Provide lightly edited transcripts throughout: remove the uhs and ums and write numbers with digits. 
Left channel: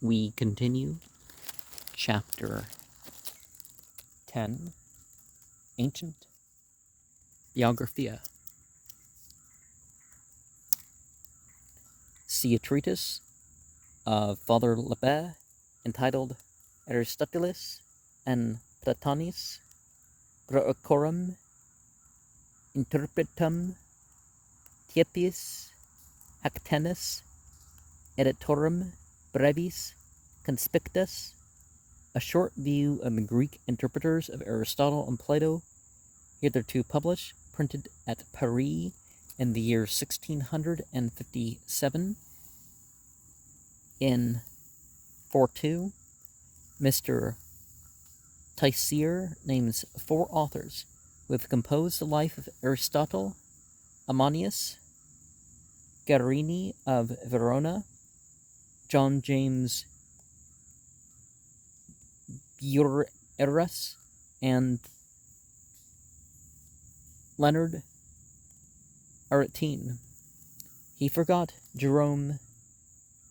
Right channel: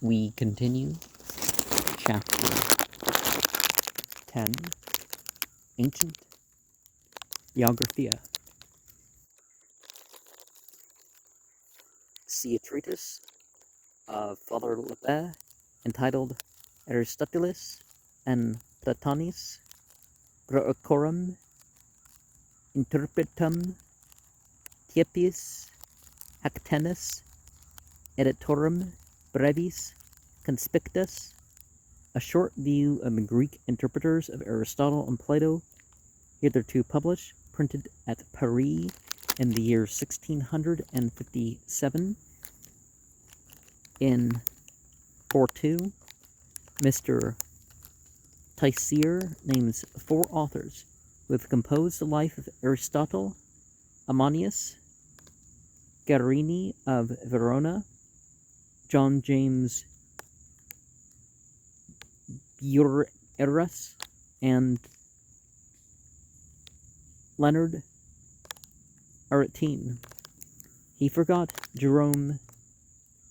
We continue chapter 10, Ancient Biographia. See a treatise of Father Lebet entitled Aristotelis and Platonis Proecorum Interpretum Tiepis Hactenus Editorum Brevis Conspictus, a short view of the Greek interpreters of Aristotle and Plato, hitherto published, printed at Paris in the year 1657. In 4.2, Mr. Teissier names 4 authors who have composed the life of Aristotle: Ammonius, Guerini of Verona, John James Bueras, and Leonard Aretine. He forgot Jerome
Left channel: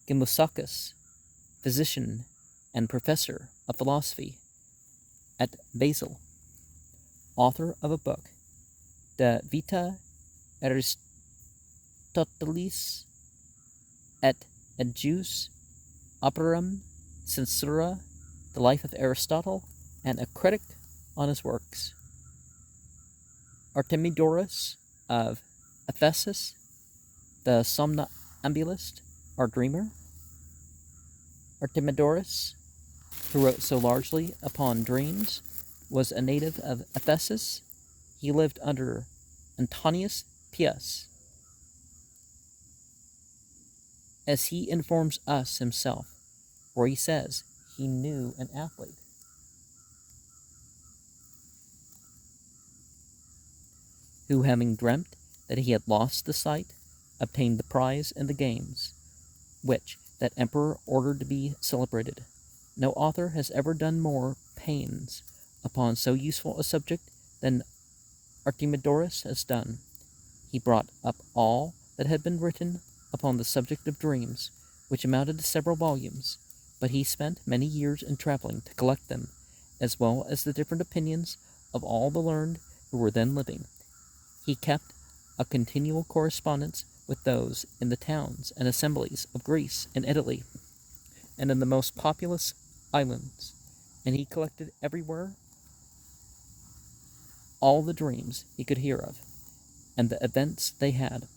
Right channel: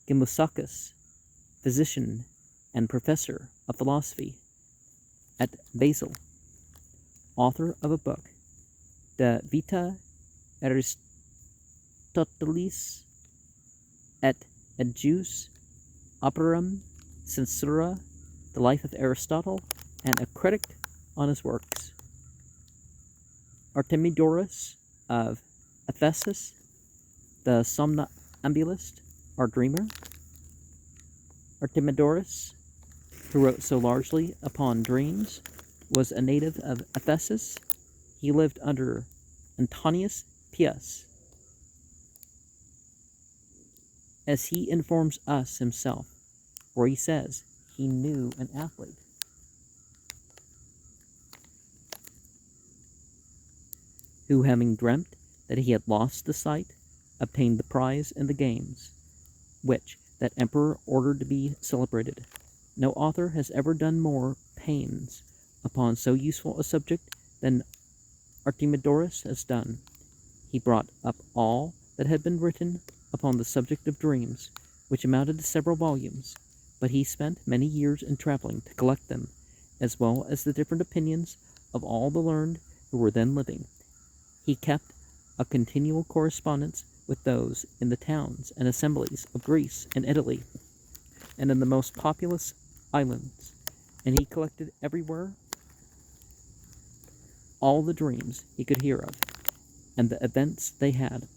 Gemusacus, physician and professor of philosophy at Basel, author of a book, De Vita Aristotelis et Adjus Operum Censura, the life of Aristotle, and a critic on his works. Artemidorus of Ephesus, the somnambulist or dreamer. Artemidorus, who wrote so largely upon dreams, was a native of Ephesus. He lived under Antonius Pius. As he informs us himself, where he says he knew an athlete who, having dreamt that he had lost the sight, obtained the prize in the games, which that emperor ordered to be celebrated. No author has ever done more pains upon so useful a subject than Artemidorus has done. He brought up all that had been written upon the subject of dreams, which amounted to several volumes, but he spent many years in traveling to collect them, as well as the different opinions of all the learned who were then living. He kept a continual correspondence with those in the towns and assemblies of Greece and Italy, and in the most populous islands, and he collected everywhere all the dreams he could hear of, and the events they had.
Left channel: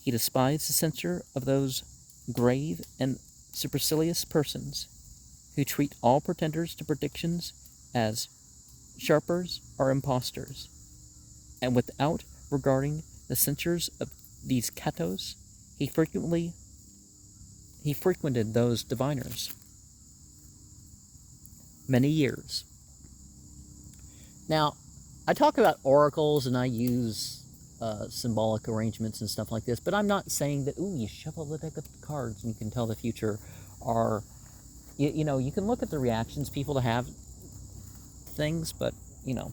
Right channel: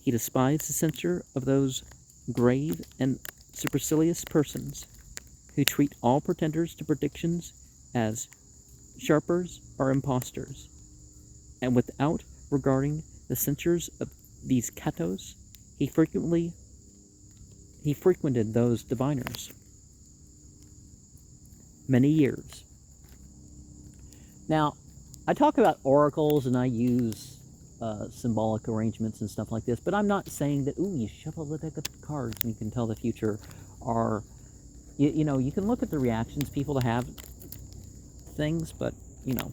He despised the censure of those grave and supercilious persons who treat all pretenders to predictions as sharpers or impostors, and without regarding the censures of these catos, he frequented those diviners many years. Now, I talk about oracles and I use symbolic arrangements and stuff like this, but I'm not saying that, you shuffle the deck of cards and you can tell the future, or, you know, you can look at the reactions people to have things, but, you know.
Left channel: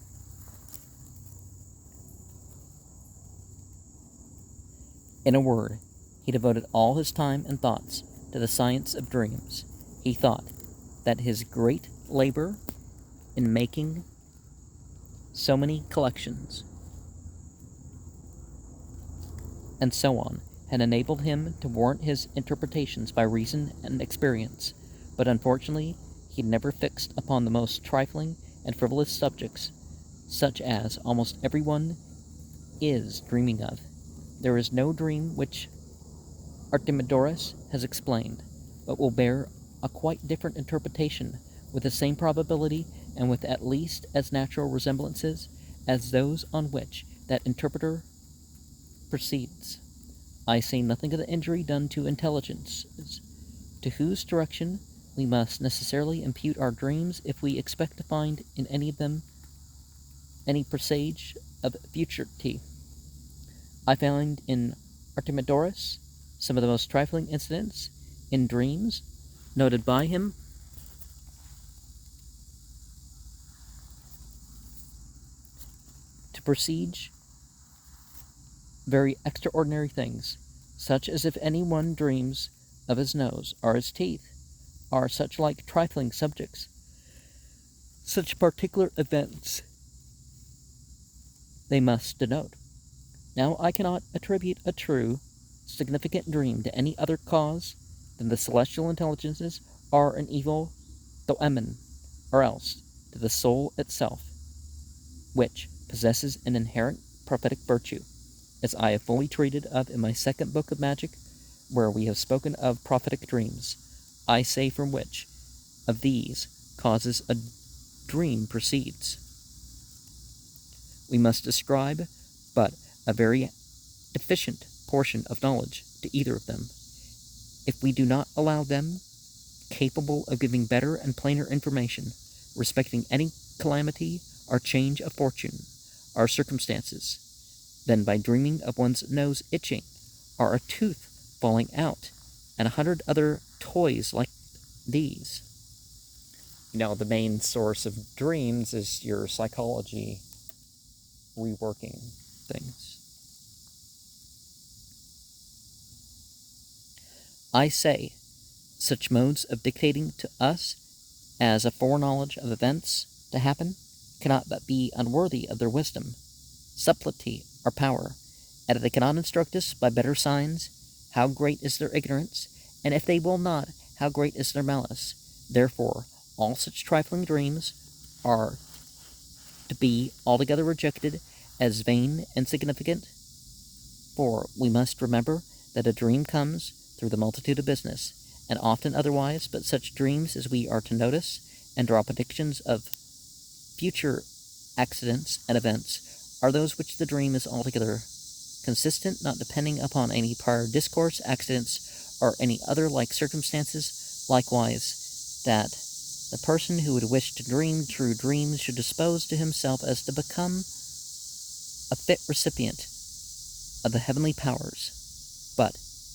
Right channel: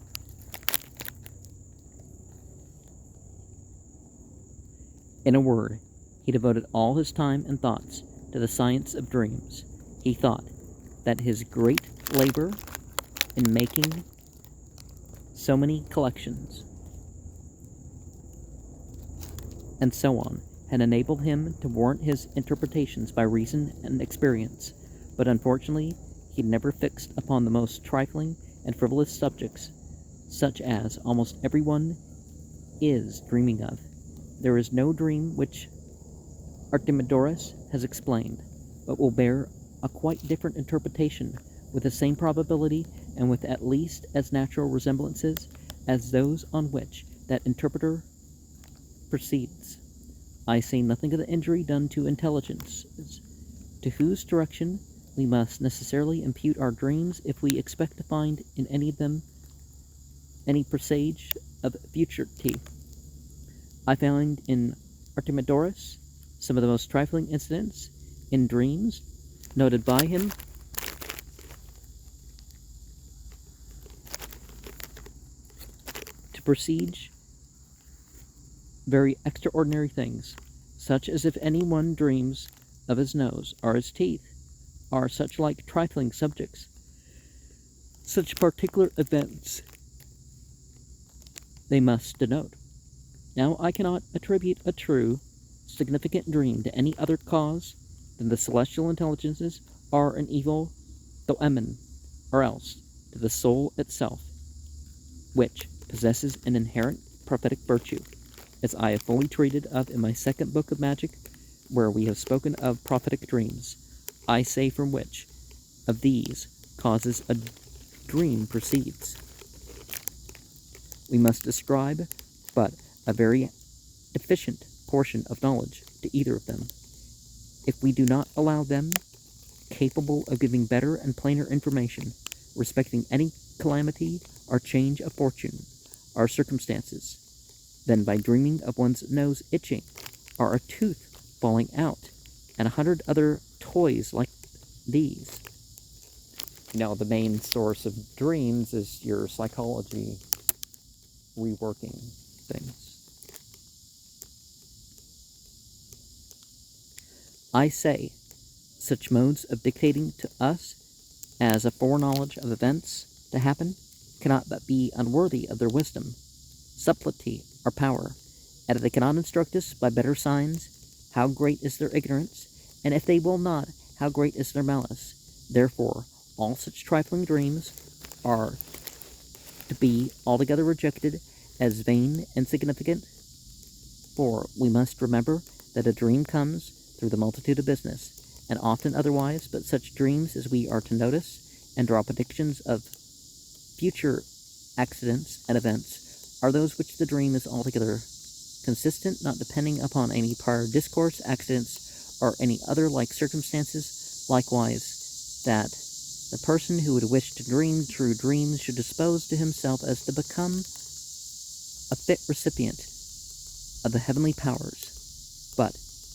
In a word, he devoted all his time and thoughts to the science of dreams. He thought that his great labor in making so many collections and so on had enabled him to warrant his interpretations by reason and experience, but unfortunately he never fixed upon the most trifling and frivolous subjects, such as almost everyone is dreaming of. There is no dream which Artemidorus has explained, but will bear a quite different interpretation, with the same probability and with at least as natural resemblances as those on which that interpreter proceeds. I say nothing of the injury done to intelligences, to whose direction we must necessarily impute our dreams if we expect to find in any of them any presage of futurity. I found in Artemidorus some of the most trifling incidents in dreams noted by him to presage very extraordinary things, such as if any one dreams of his nose or his teeth, are such like trifling subjects, such particular events they must denote. Now I cannot attribute a true, significant dream to any other cause than the celestial intelligences are an evil doemen, or else to the soul itself, which possesses an inherent prophetic virtue, as I have fully treated of in my second book of magic, where we have spoken of prophetic dreams. I say from which of these causes a dream proceeds. We must describe but a very deficient portion of knowledge to either of them, if we do not allow them capable of giving better and plainer information respecting any calamity or change of fortune or circumstances than by dreaming of one's nose itching or a tooth falling out and 100 other toys like these. The main source of dreams is your psychology reworking things. I say, such modes of dictating to us as a foreknowledge of events to happen cannot but be unworthy of their wisdom, subtlety, or power, and if they cannot instruct us by better signs, how great is their ignorance, and if they will not, how great is their malice. Therefore, all such trifling dreams are to be altogether rejected as vain and insignificant, for we must remember that a dream comes through the multitude of business, and often otherwise, but such dreams as we are to notice and draw predictions of future accidents and events are those which the dream is altogether consistent, not depending upon any prior discourse, accidents, or any other like circumstances. Likewise, that the person who would wish to dream true dreams should dispose to himself as to become a fit recipient of the heavenly powers. But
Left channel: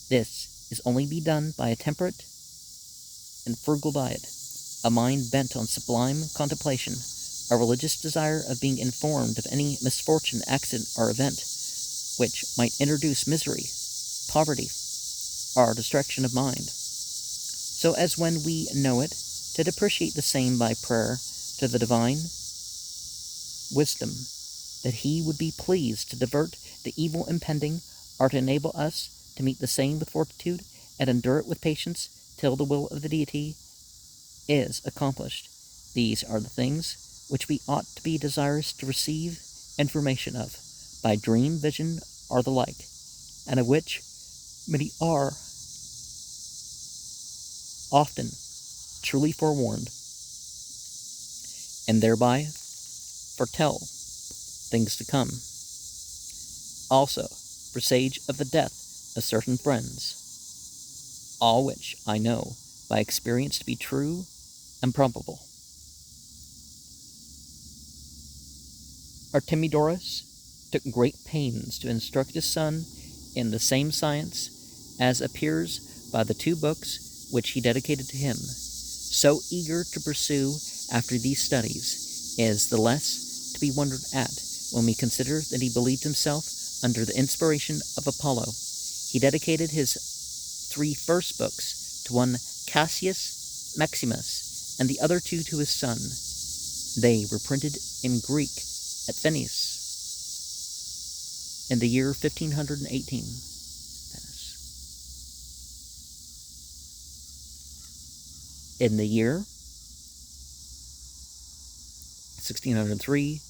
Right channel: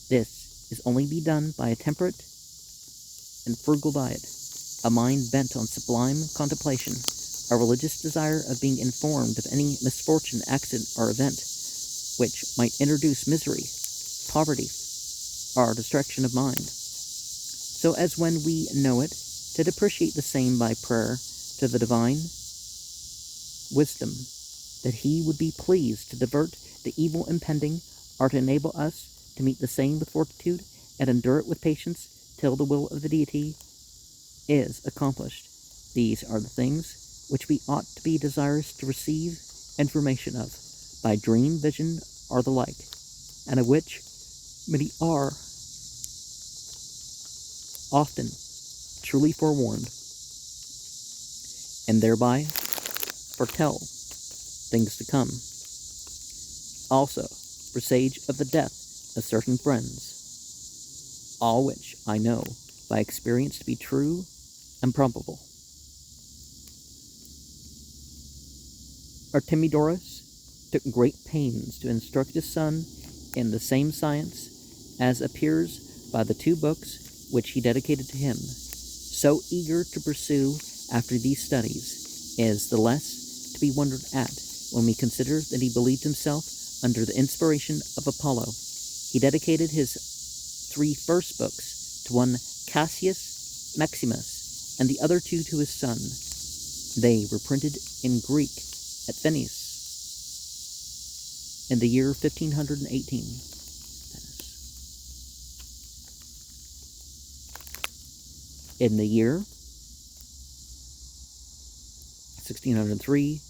this is only be done by a temperate and frugal diet, a mind bent on sublime contemplation, a religious desire of being informed of any misfortune, accident, or event which might introduce misery, poverty, or destruction of mind, so as when we know it, to depreciate the same by prayer to the divine wisdom, that he would be pleased to divert the evil impending, or to enable us to meet the same with fortitude, and endure it with patience, till the will of the deity is accomplished. These are the things which we ought to be desirous to receive information of, by dream, vision, or the like, and of which many are often truly forewarned, and thereby foretell things to come. Also, presage of the death of certain friends, all which I know by experience to be true and probable. Artemidorus took great pains to instruct his son in the same science as appears by the 2 books which he dedicated to him. So eager to pursue after these studies is the less to be wondered at when we consider that he believed himself under the inspiration of Apollo. He dedicated his 3 first books to one Cassius Maximus, and the other 2 to his son. They were printed in Greek at Venice in the year 1518. In the year 1603,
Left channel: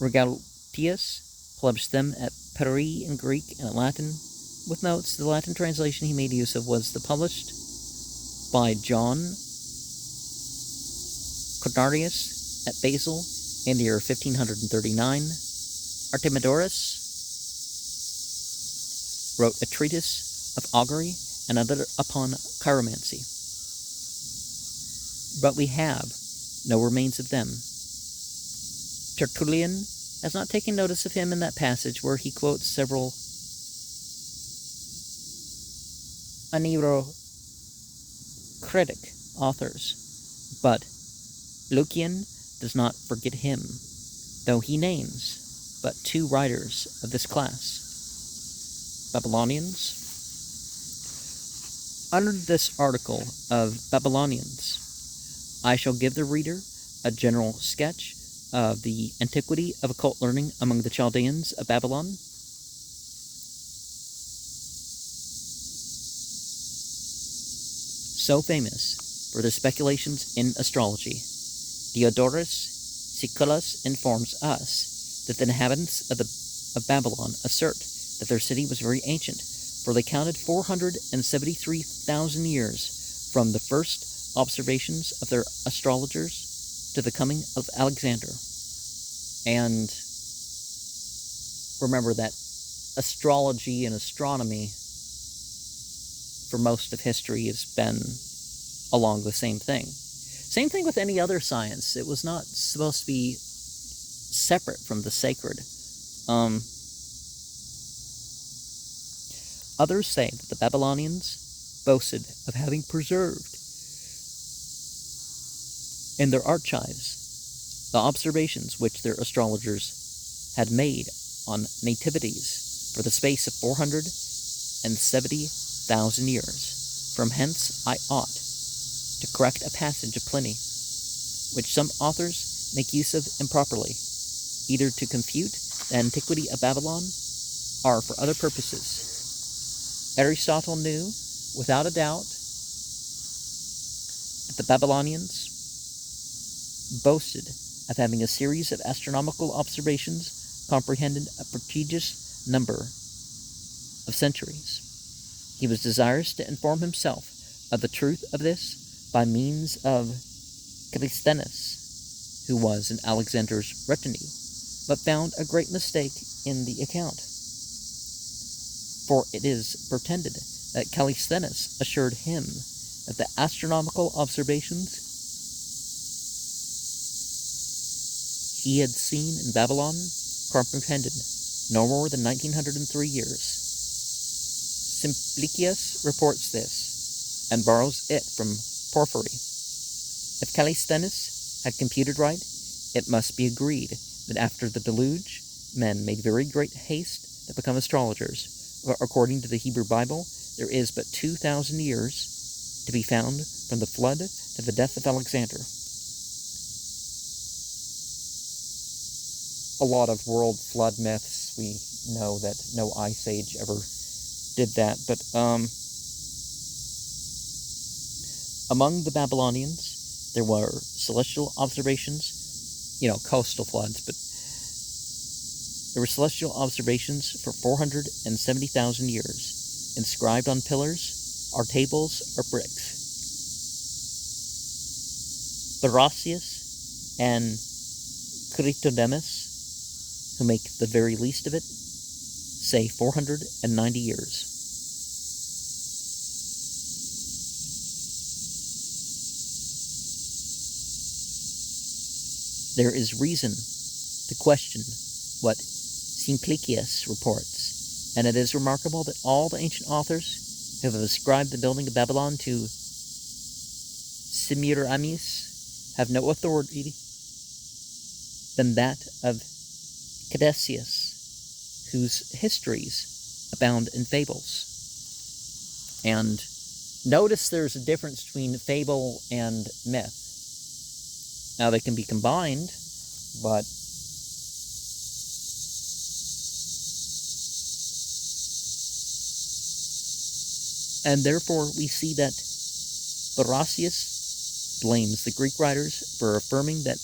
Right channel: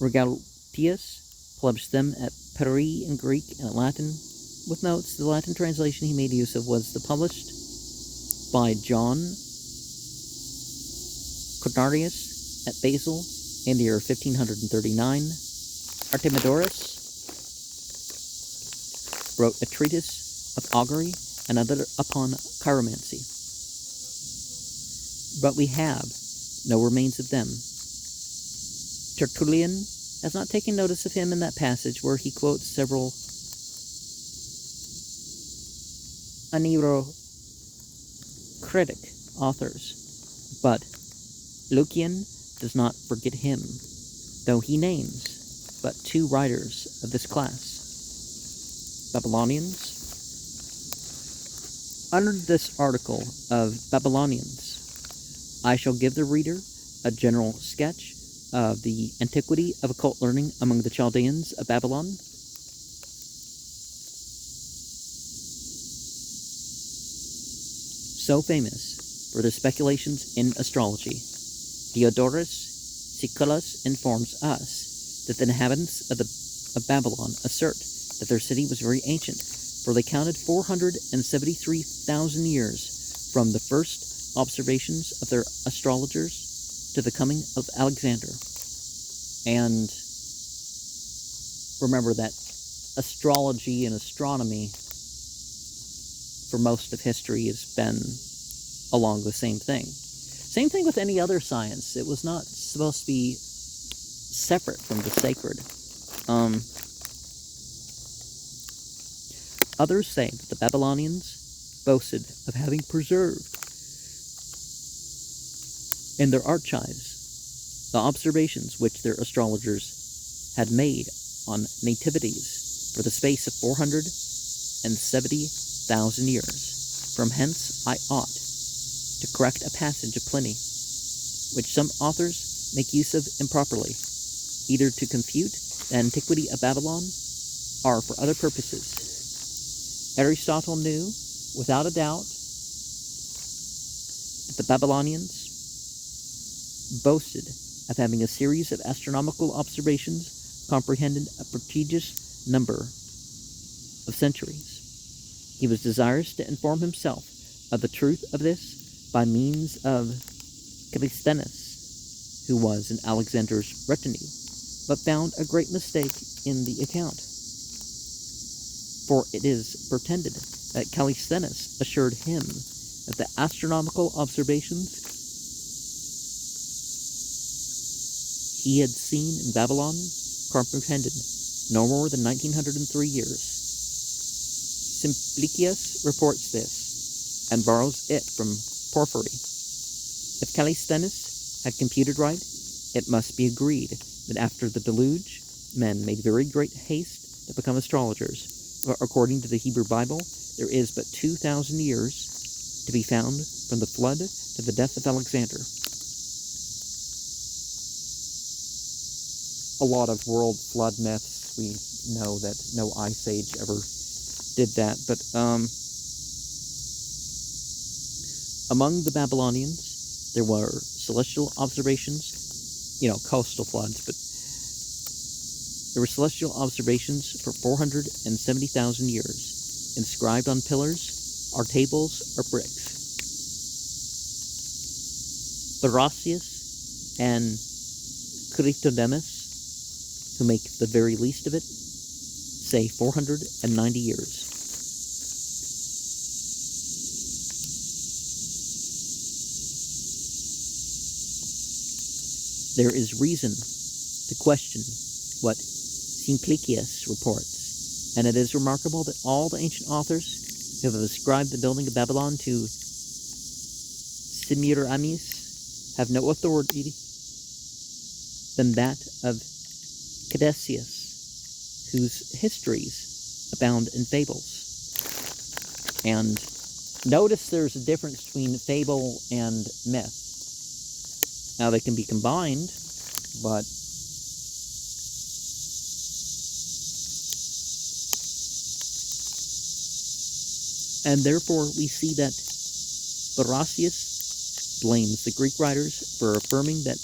Regaltius published them at Paris in Greek and Latin, with notes. The Latin translation he made use of was the published by John Cornarius at Basel in the year 1539. Artemidorus wrote a treatise of augury and another upon chiromancy, but we have no remains of them. Tertullian has not taken notice of him in that passage where he quotes several Anerocritic authors, but Lucian does not forget him, though he names but 2 writers of this class, Babylonians, Under this article of Babylonians, I shall give the reader a general sketch of the antiquity of occult learning among the Chaldeans of Babylon. So famous were their speculations in astrology, Diodorus Siculus informs us that the inhabitants of Babylon assert that their city was very ancient, for they counted 473,000 years from the first observations of their astrologers to the coming of Alexander. And remember that astrology and astronomy for most of history has been along the same thing. Same thing with any other science. It was not supposed to be separate from the sacred. Others say that the Babylonians boasted of having preserved in their archives the observations which their astrologers had made on nativities for the space of 470,000 years. From hence I ought to correct a passage of Pliny, which some authors make use of improperly, either to confute the antiquity of Babylon or for other purposes. Aristotle knew, without a doubt, that the Babylonians boasted of having a series of astronomical observations comprehended a prodigious number of centuries. He was desirous to inform himself of the truth of this by means of Callisthenes, who was in Alexander's retinue, but found a great mistake in the account. For it is pretended that Callisthenes assured him that the astronomical observations he had seen in Babylon comprehended no more than 1903 years. Simplicius reports this, and borrows it from Porphyry. If Callisthenes had computed right, it must be agreed that after the deluge, men made very great haste to become astrologers. For according to the Hebrew Bible, there is but 2,000 years to be found from the flood to the death of Alexander. A lot of world flood myths, we know that no ice age ever did that, but among the Babylonians, there were celestial observations, coastal floods, but there were celestial observations for 470,000 years, inscribed on pillars, or tables, or bricks. Barocius and Chritodemus, who make the very least of it, say 490 years. There is reason to question what Simplicius reports, and it is remarkable that all the ancient authors who have ascribed the building of Babylon to Semiramis have no authority than that of Caduceus, whose histories abound in fables. And notice there's a difference between fable and myth. Now they can be combined, but and therefore we see that Barocius blames the Greek writers for affirming that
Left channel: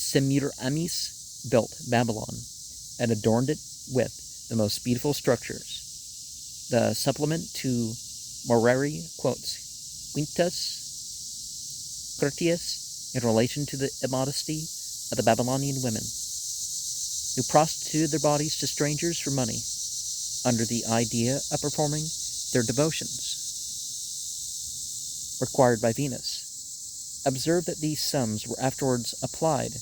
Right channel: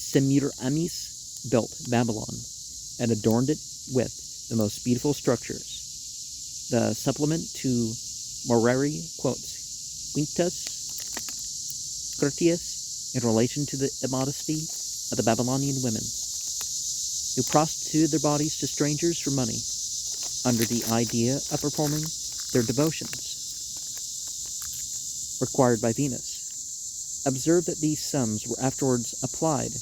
Semiramis built Babylon and adorned it with the most beautiful structures. The supplement to Moreri quotes Quintus Curtius in relation to the immodesty of the Babylonian women, who prostituted their bodies to strangers for money, under the idea of performing their devotions required by Venus. Observe that these sums were afterwards applied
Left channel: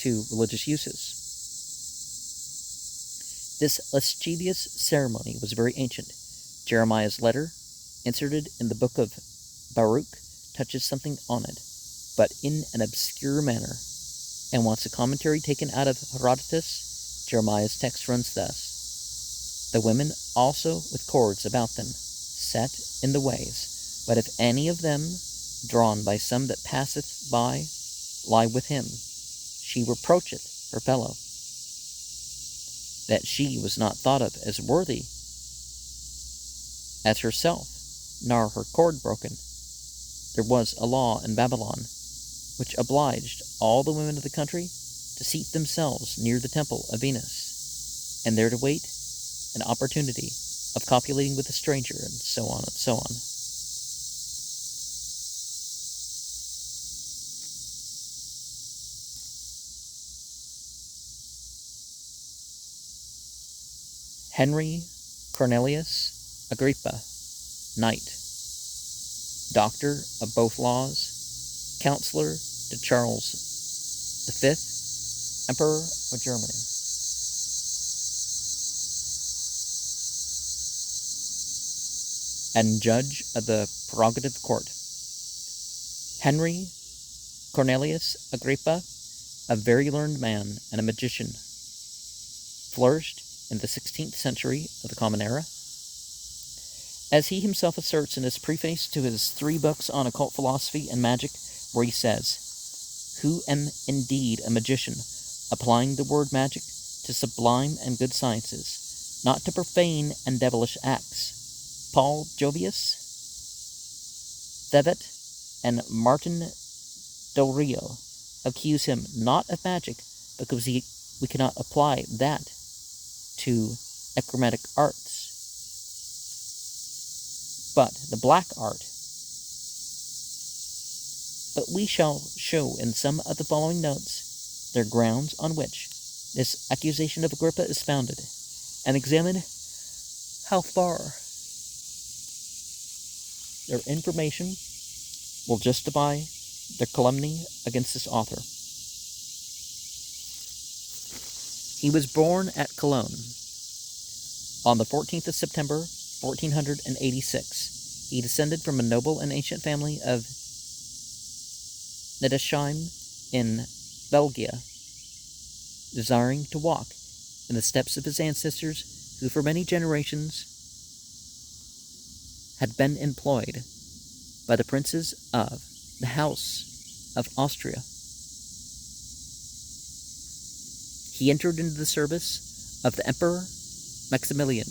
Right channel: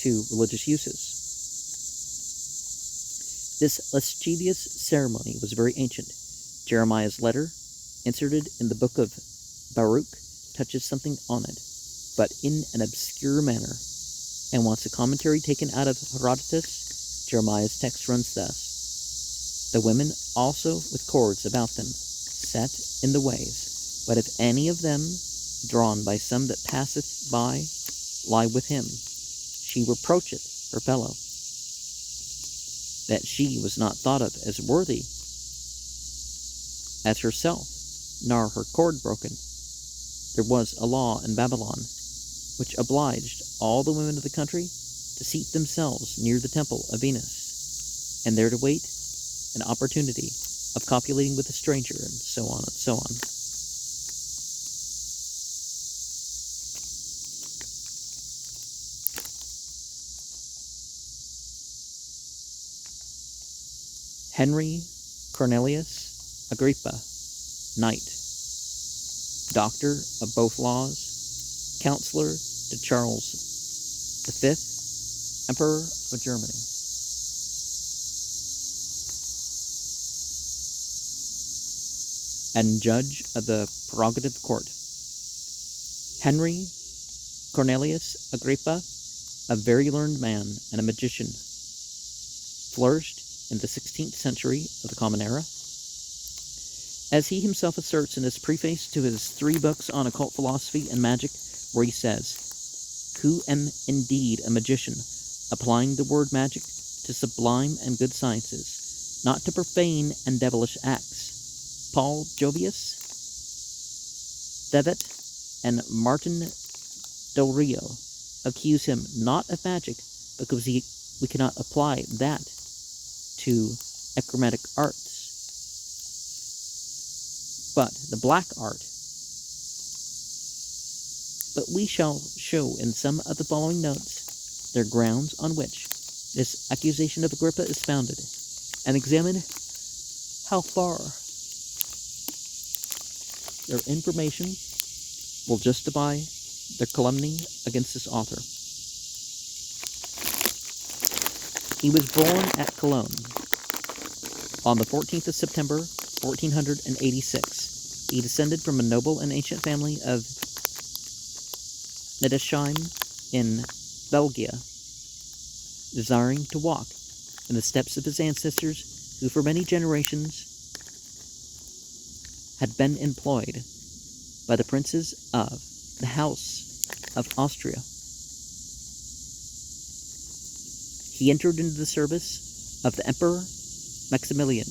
to religious uses. This lascivious ceremony was very ancient. Jeremiah's letter, inserted in the book of Baruch, touches something on it, but in an obscure manner, and wants a commentary taken out of Herodotus. Jeremiah's text runs thus: the women also with cords about them, set in the ways. But if any of them, drawn by some that passeth by, lie with him, she reproacheth her fellow, that she was not thought of as worthy as herself, nor her cord broken. There was a law in Babylon, which obliged all the women of the country to seat themselves near the temple of Venus, and there to wait an opportunity of copulating with a stranger, and so on and so on. Henry Cornelius Agrippa, knight, doctor of both laws, counselor to Charles V, Emperor of Germany. And judge of the prerogative court. Henry Cornelius Agrippa, a very learned man and a magician, flourished in the 16th century of the Common Era. As he himself asserts in his preface to his 3 books on occult philosophy and magic, where he says, "Who am indeed a magician, applying the word magic to sublime and good sciences, not to profane and devilish acts. Paul Jovius, Thevet, and Martin Del Rio accuse him not of magic because we cannot apply that to achromatic arts, but the black art. But we shall show in some of the following notes their grounds on which this accusation of Agrippa is founded, and examine how far their information will justify their calumny against this author. He was born at Cologne on the 14th of September, 1486. He descended from a noble and ancient family of Nedesheim in Belgia, desiring to walk in the steps of his ancestors who for many generations had been employed by the princes of the House of Austria. He entered into the service of the Emperor Maximilian.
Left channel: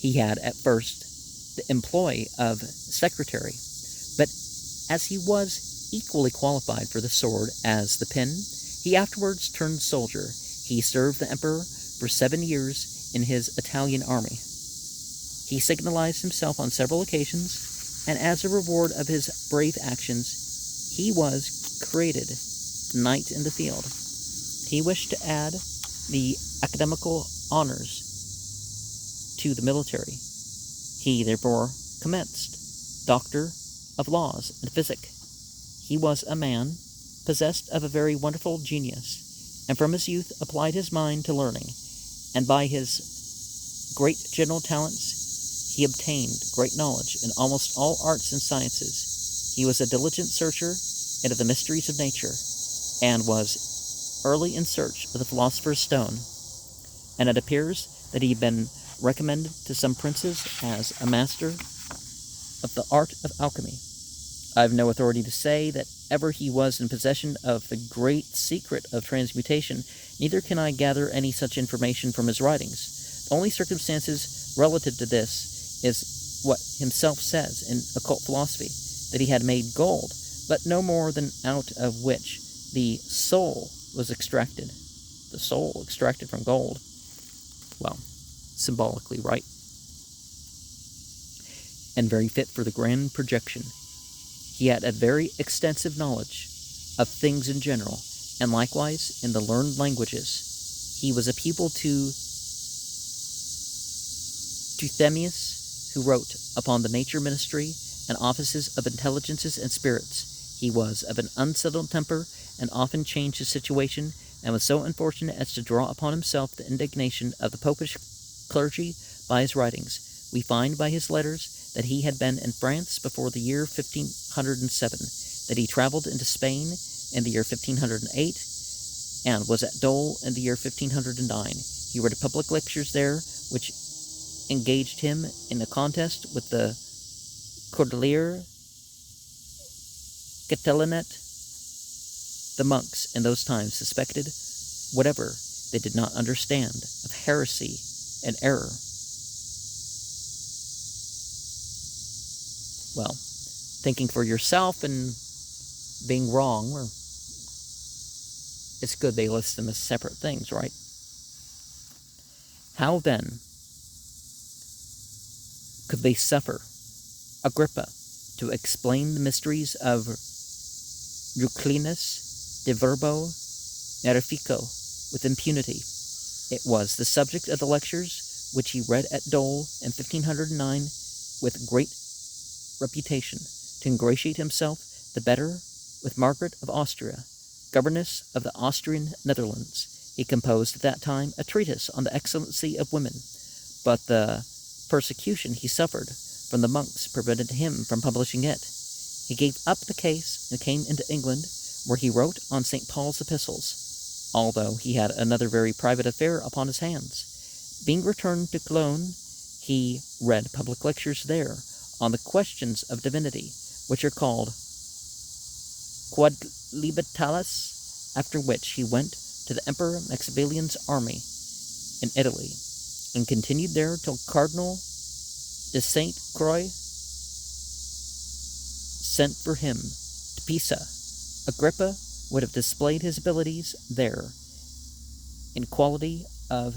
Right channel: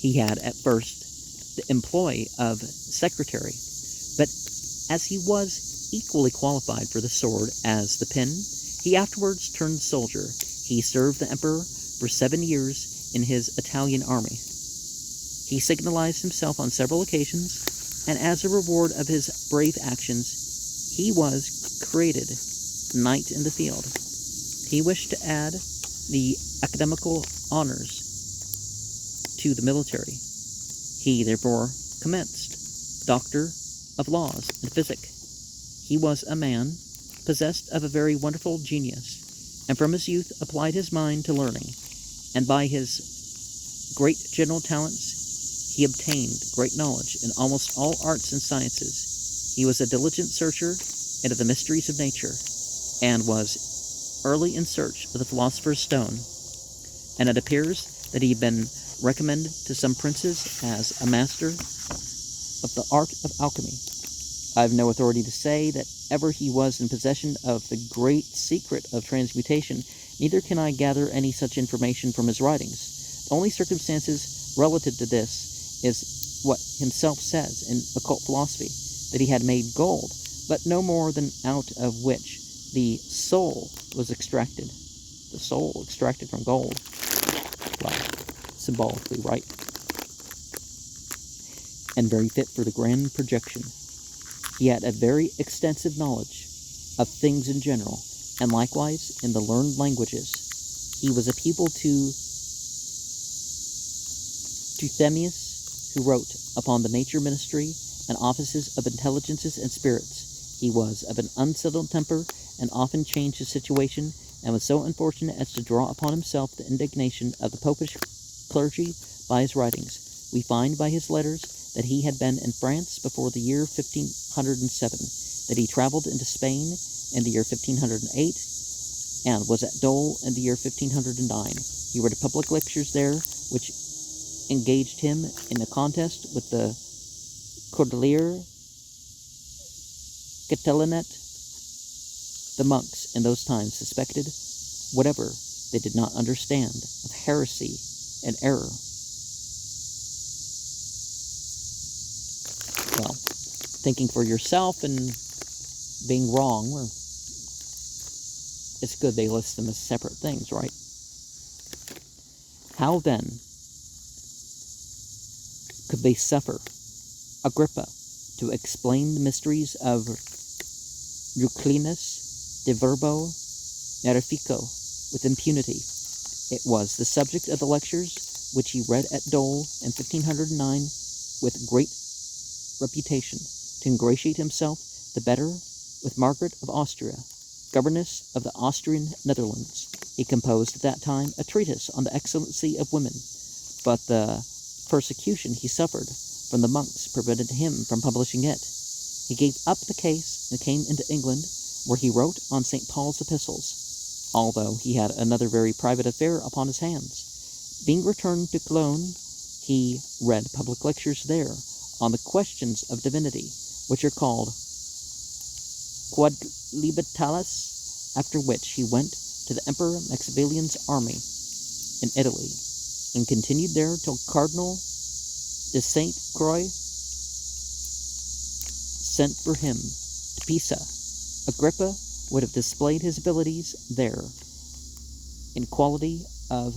He had at first the employ of secretary, but as he was equally qualified for the sword as the pen, he afterwards turned soldier. He served the emperor for 7 years in his Italian army. He signalized himself on several occasions, and as a reward of his brave actions, he was created knight in the field. He wished to add the academical honors to the military. He therefore commenced Doctor of Laws and Physic. He was a man possessed of a very wonderful genius, and from his youth applied his mind to learning, and by his great general talents he obtained great knowledge in almost all arts and sciences. He was a diligent searcher into the mysteries of nature, and was early in search of the philosopher's stone, and it appears that he had been recommended to some princes as a master of the art of alchemy. I have no authority to say that ever he was in possession of the great secret of transmutation, neither can I gather any such information from his writings. The only circumstances relative to this is what himself says in Occult Philosophy, that he had made gold, but no more than out of which the soul was extracted. The soul extracted from gold. Well, symbolically, right? And very fit for the grand projection. He had a very extensive knowledge of things in general, and likewise in the learned languages. He was a pupil to Trithemius, who wrote upon the nature ministry and offices of intelligences and spirits. He was of an unsettled temper, and often changed his situation, and was so unfortunate as to draw upon himself the indignation of the popish clergy by his writings. We find by his letters that he had been in France before the year 1507, that he traveled into Spain in the year 1508, and was at Dole in the year 1509. He read public lectures there, which engaged him in a contest with the Cordelier Catilinet. The monks in those times suspected whatever they did not understand of heresy and error. Well, thinking for yourself and being wrong, it's good they list them as separate things, right? How then could they suffer Agrippa to explain the mysteries of Euclinus de Verbo Verifico with impunity? It was the subject of the lectures which he read at Dole in 1509 with great reputation, to ingratiate himself the better with Margaret of Austria, governess of the Austrian Netherlands. He composed at that time a treatise on the excellency of women, but the persecution he suffered from the monks prevented him from publishing it. He gave up the case and came into England, where he wrote on St. Paul's epistles, although he had another very private affair upon his hands. Being returned to Cologne, he read public lectures there on the questions of divinity, which are called Quodlibetalis, after which he went to the Emperor Maximilian's army in Italy, and continued there till Cardinal de Saint Croix sent for him to Pisa. Agrippa would have displayed his abilities there in quality of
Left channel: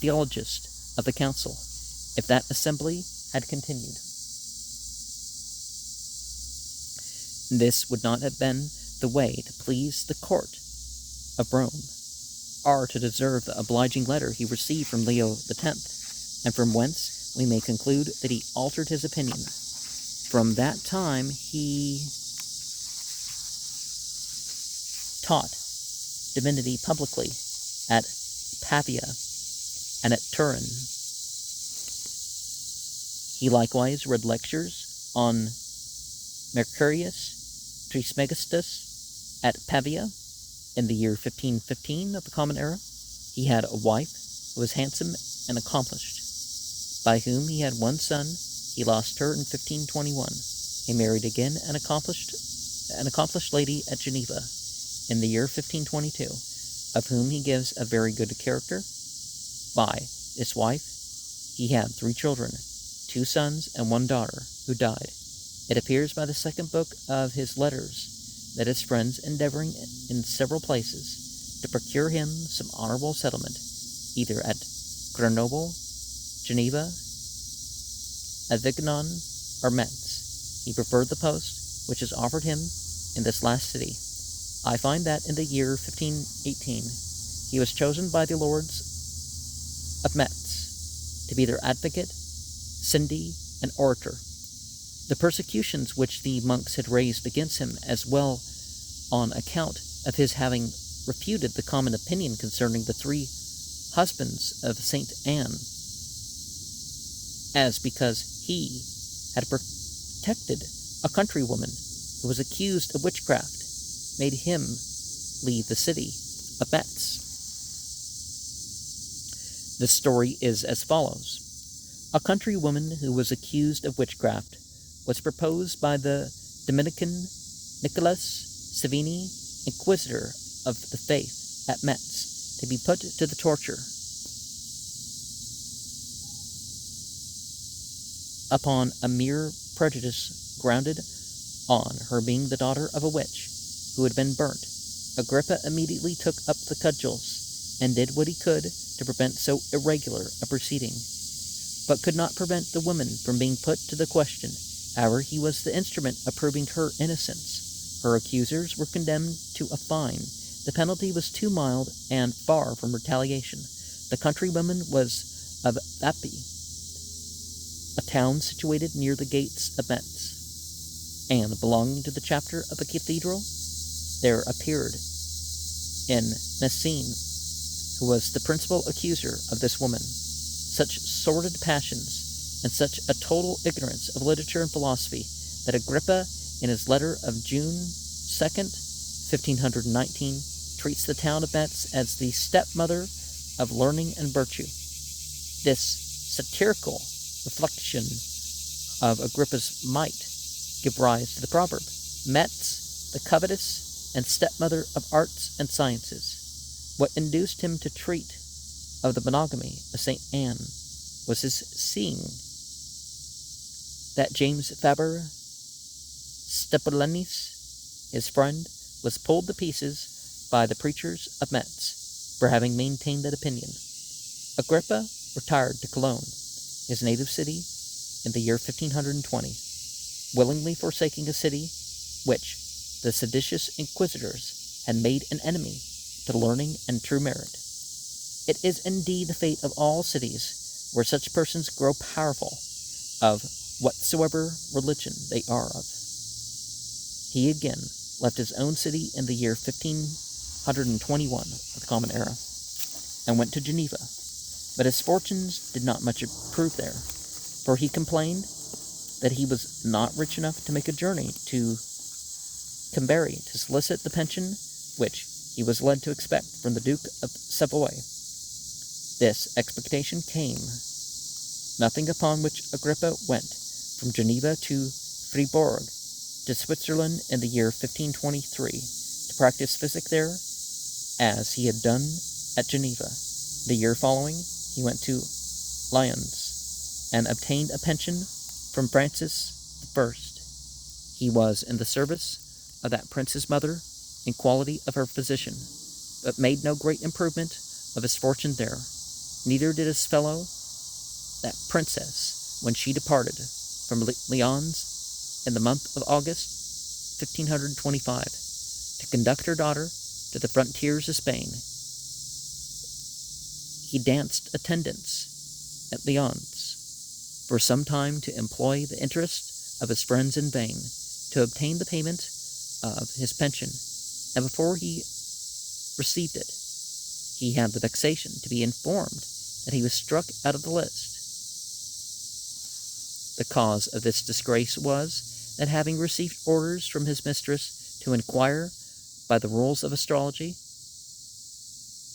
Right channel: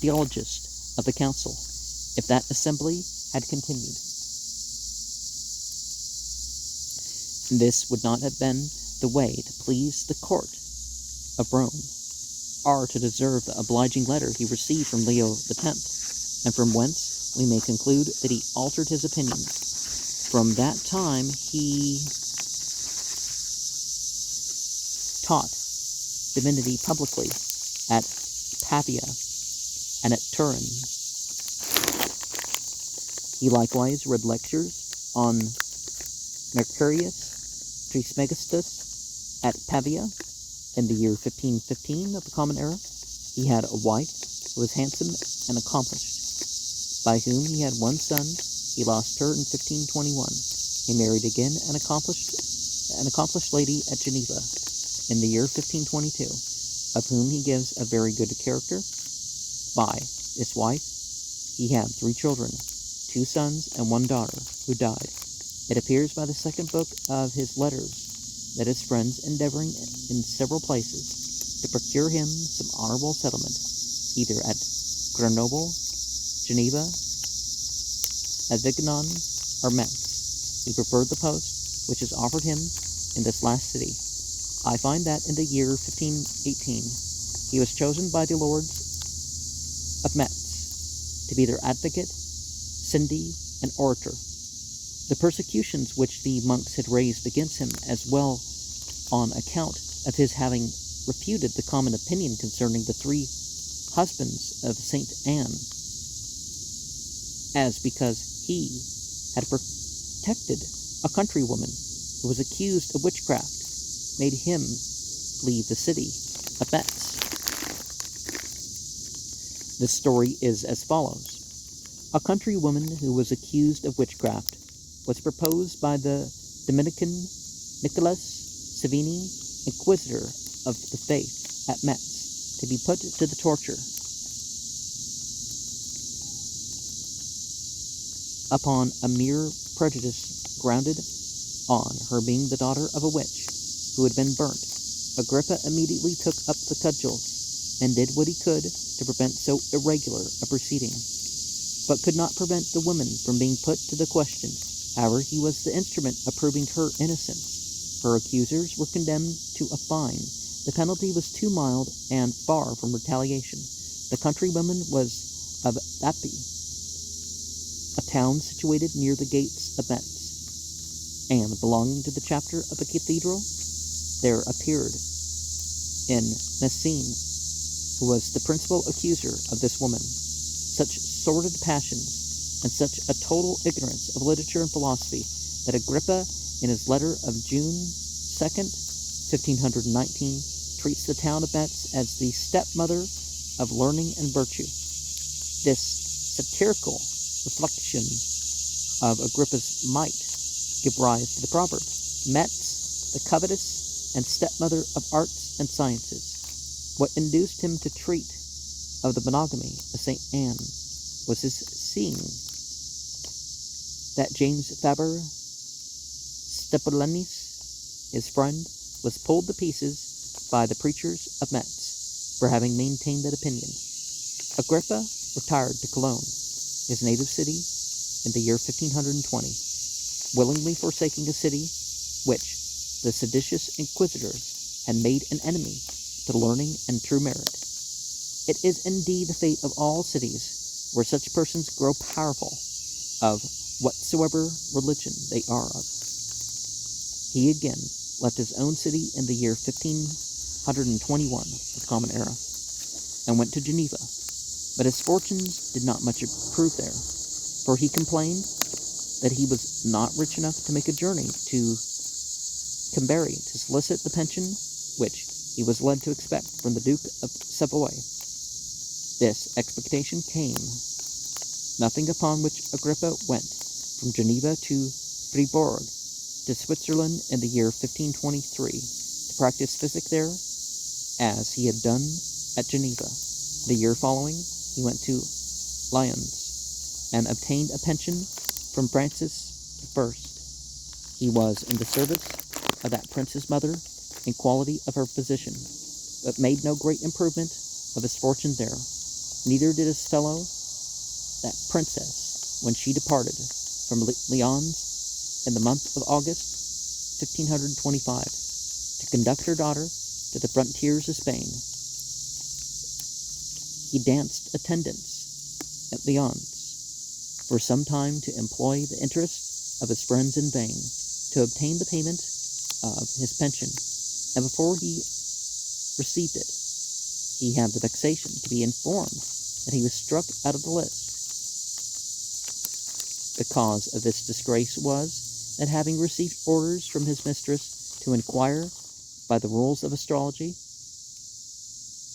theologist of the council, if that assembly had continued. This would not have been the way to please the court of Rome, or to deserve the obliging letter he received from Leo X, and from whence we may conclude that he altered his opinion. From that time he taught divinity publicly at Pavia and at Turin. He likewise read lectures on Mercurius Trismegistus at Pavia in the year 1515 of the Common Era. He had a wife who was handsome and accomplished, by whom he had one son. He lost her in 1521. He married again an accomplished lady at Geneva in the year 1522, of whom he gives a very good character. By this wife he had 3 children, 2 sons and 1 daughter, who died. It appears by the second book of his letters that his friends, endeavoring in several places to procure him some honorable settlement, either at Grenoble, Geneva, Avignon, or Metz, he preferred the post which is offered him in this last city. I find that in the year 1518 he was chosen by the lords of Metz to be their advocate, syndy, and orator. The persecutions which the monks had raised against him, as well on account of his having refuted the common opinion concerning the 3 husbands of Saint Anne, as because he had protected a countrywoman who was accused of witchcraft, made him leave the city of Metz. The story is as follows. A countrywoman who was accused of witchcraft was proposed by the Dominican Nicholas Savini, inquisitor of the faith at Metz, to be put to the torture. Upon a mere prejudice grounded on her being the daughter of a witch who had been burnt, Agrippa immediately took up the cudgels and did what he could to prevent so irregular a proceeding, but could not prevent the woman from being put to the question. However, he was the instrument of proving her innocence. Her accusers were condemned to a fine. The penalty was too mild and far from retaliation. The countrywoman was of Vapi, a town situated near the gates of Metz, and belonging to the chapter of a cathedral. There appeared in Messine, who was the principal accuser of this woman, such sordid passions and such a total ignorance of literature and philosophy that Agrippa, in his letter of June 2nd, 1519, treats the town of Metz as the stepmother of learning and virtue. This satirical reflection of Agrippa's might give rise to the proverb, Metz, the covetous and stepmother of arts and sciences. What induced him to treat of the monogamy of St. Anne was his seeing that James Faber Stephanonis, his friend, was pulled to pieces by the preachers of Metz for having maintained that opinion. Agrippa retired to Cologne, his native city, in the year 1520, willingly forsaking a city which the seditious inquisitors had made an enemy to learning and true merit. It is indeed the fate of all cities where such persons grow powerful of whatsoever religion they are of. He again left his own city in the year 1521 of the Common Era, and went to Geneva, but his fortunes did not much improve there, for he complained that he was not rich enough to make a journey to Cambrai to solicit the pension which he was led to expect from the Duke of Savoy. This expectation came, nothing upon which Agrippa went from Geneva to Fribourg to Switzerland in the year 1523 to practice physic there, as he had done at Geneva. The year following, he went to Lyons and obtained a pension from Francis I. He was in the service of that prince's mother in quality of her physician, but made no great improvement of his fortune there. Neither did his fellow, that princess, when she departed from Lyons in the month of August, 1525, to conduct her daughter to the frontiers of Spain. He danced attendance at Lyons for some time to employ the interest of his friends in vain to obtain the payment of his pension, and before he received it, he had the vexation to be informed that he was struck out of the list. The cause of this disgrace was that, having received orders from his mistress to inquire by the rules of astrology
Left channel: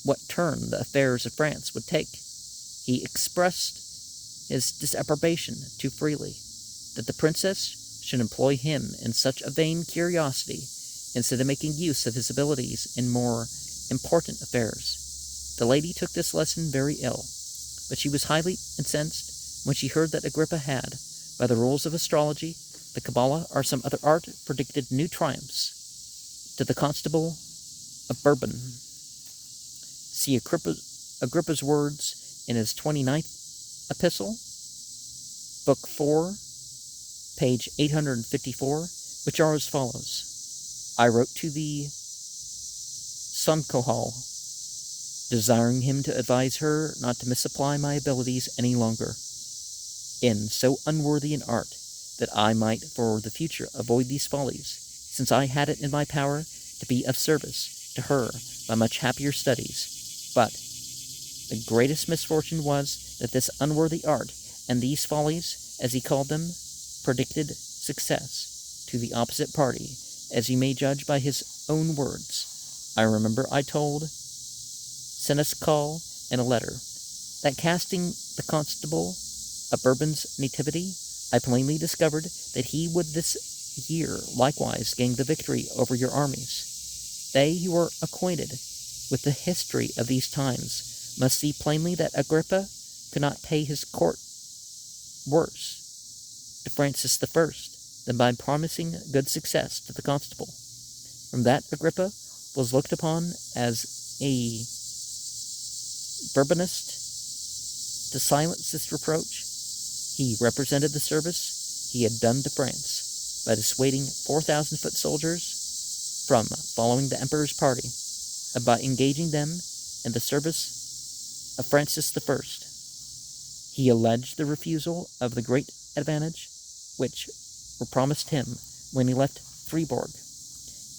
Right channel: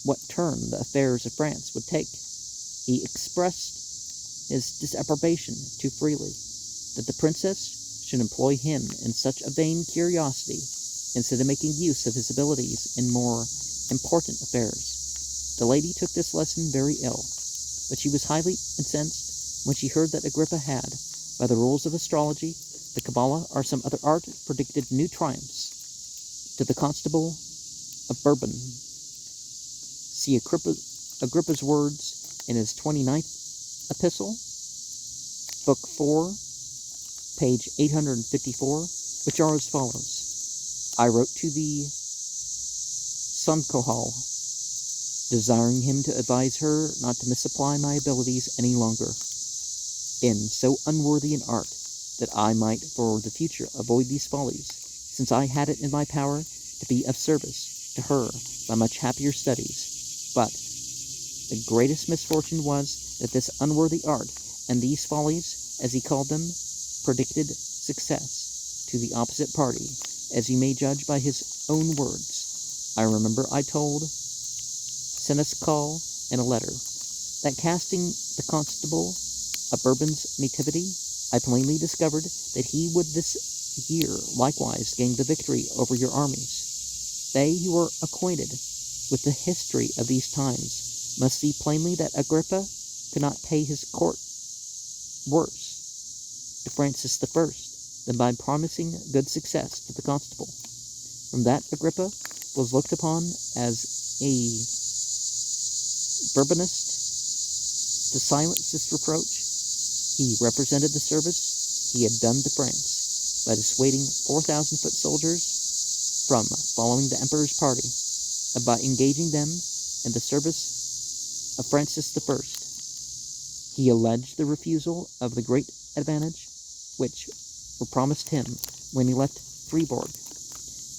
what turn the affairs of France would take, he expressed his disapprobation too freely that the princess should employ him in such a vain curiosity instead of making use of his abilities in more important affairs. The lady took this lesson very ill, but she was highly incensed when she heard that Agrippa had, by the rules of astrology, the Kabbalah, or some other art, predicted new triumphs to the Constable of Bourbon. See Agrippa's words in his 29th epistle, Book 4, page 854, which are as follows. I wrote to the Sonkohal, desiring him to advise her not to misapply my abilities any longer in so unworthy an art, that I might for the future avoid these follies, since I had it in my power to be of service to her by much happier studies. But the greatest misfortune was that this unworthy art, and these follies, as he called them, predicted success to the opposite party, as you may judge by his own words. I remember I told Seneschal in a letter that, casting the Constable of Bourbon's nativity, I plainly discovered that he would this year likewise gain the victory over your armies. They who are acquainted with the history of these times must see plainly that Agrippa could not pay his court worse to Francis I than by promising good success to the Constable. From that Agrippa was looked upon as a Bourbonist. To silence this reproach, he represented the service he had done to France by dissuading 4,000 foot soldiers from following the emperor's party, and by engaging them in the service of Francis I. He alleged the refusal of the great advantage which were promised him when he left Fribourg.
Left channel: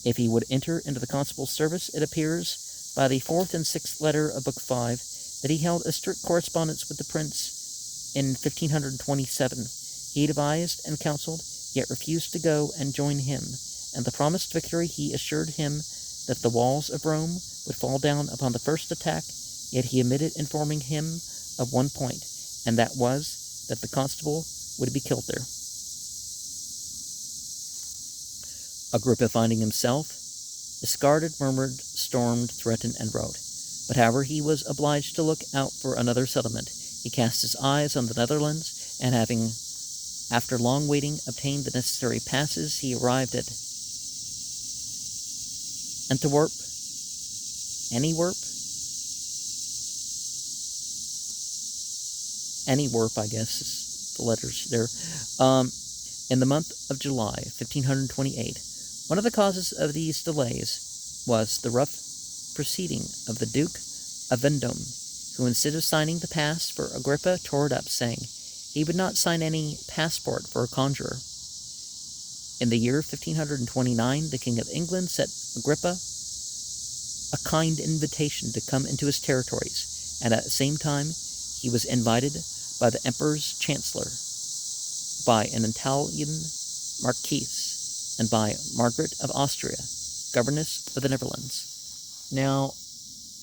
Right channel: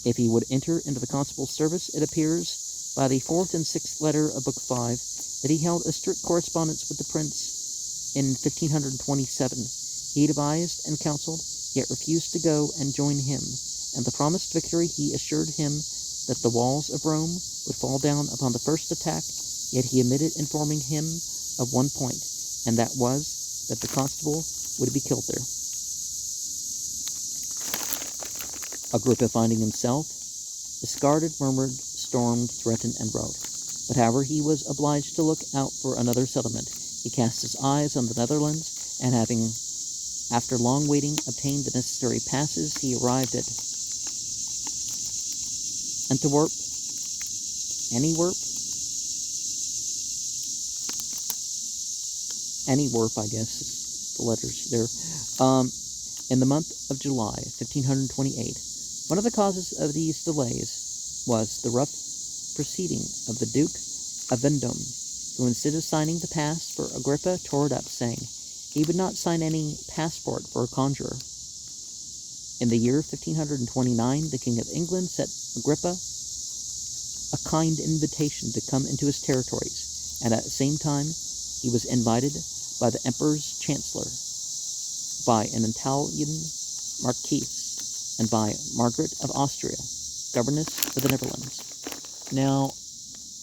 If he would enter into the constable's service, it appears by the 4th and 6th letter of Book 5 that he held a strict correspondence with the prince. In 1527, he advised and counseled, yet refused to go and join him, and the promised victory he assured him that the walls of Rome would fall down upon the first attack, yet he omitted informing him of one point, and that was that the constable would be killed there. Agrippa, finding himself discarded, murmured, stormed, threatened, and wrote. But however, he was obliged to look out for another settlement. He cast his eyes on the Netherlands, and having, after long waiting, obtained the necessary passes, he arrived at Antwerp. Antwerp, I guess, is the letters there. In the month of July, 1528. One of the causes of these delays was the rough proceeding of the Duke of Vendôme, who, instead of signing the pass for Agrippa, tore it up, saying he would not sign any passport for a conjurer. In the year 1529, the King of England sent Agrippa a kind invitation to come into his territories, and at the same time he was invited by the Emperor's Chancellor, by an Italian Marquise, and by Margaret of Austria, governess of the Netherlands. Now,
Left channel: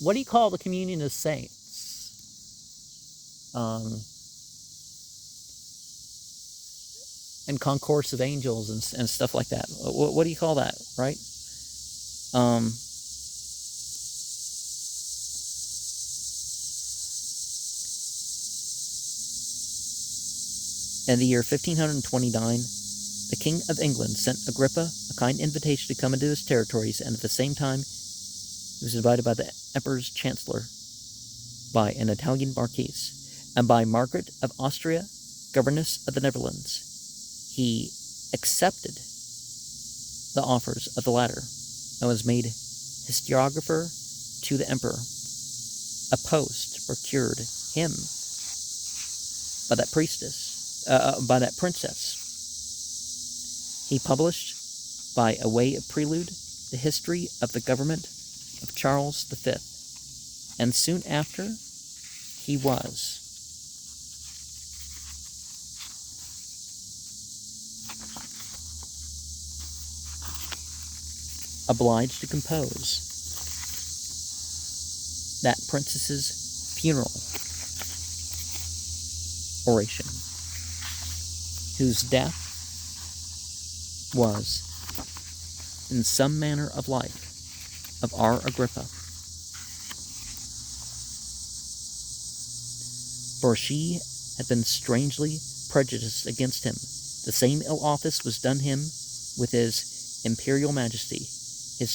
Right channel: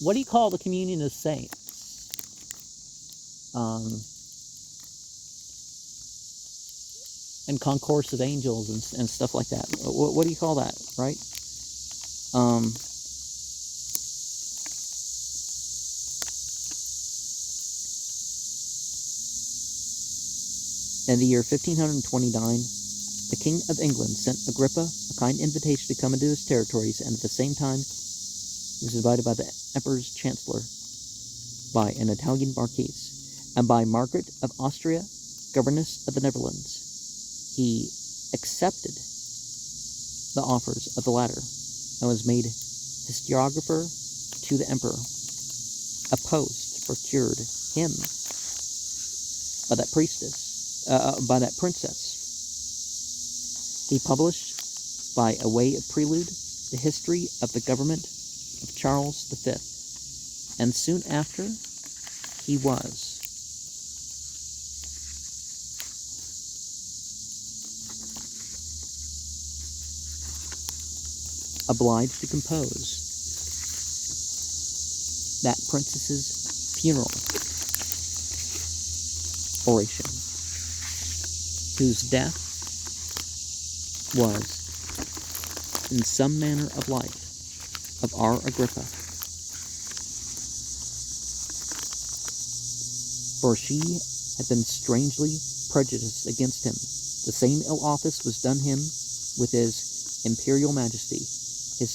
what do you call the communion of saints? And concourse of angels and stuff like that. What do you call that, right? In the year 1529, the King of England sent Agrippa a kind invitation to come into his territories, and at the same time he was invited by the Emperor's Chancellor, by an Italian Marquise, and by Margaret of Austria, governess of the Netherlands. He accepted the offers of the latter, and was made historiographer to the Emperor. A post procured him by that princess. He published, by a way of prelude, the history of the government of Charles V, and soon after he was obliged to compose that princess's funeral oration, whose death was in some manner of life of our Agrippa. For she had been strangely prejudiced against him. The same ill office was done him with his imperial majesty. His